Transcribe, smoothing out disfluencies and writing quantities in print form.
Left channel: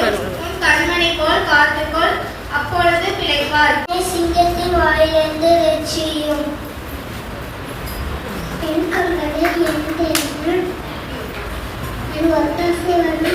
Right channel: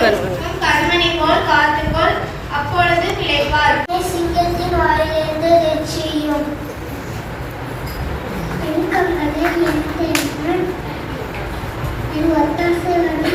கண்மணி போல் காத்துக்கொள், அப்பொழுது பிழைப்பார். சிங்கத்தின் வாயிலிருந்து வெற்றியும் என் கண்களை என் ஒத்தாசை வந்து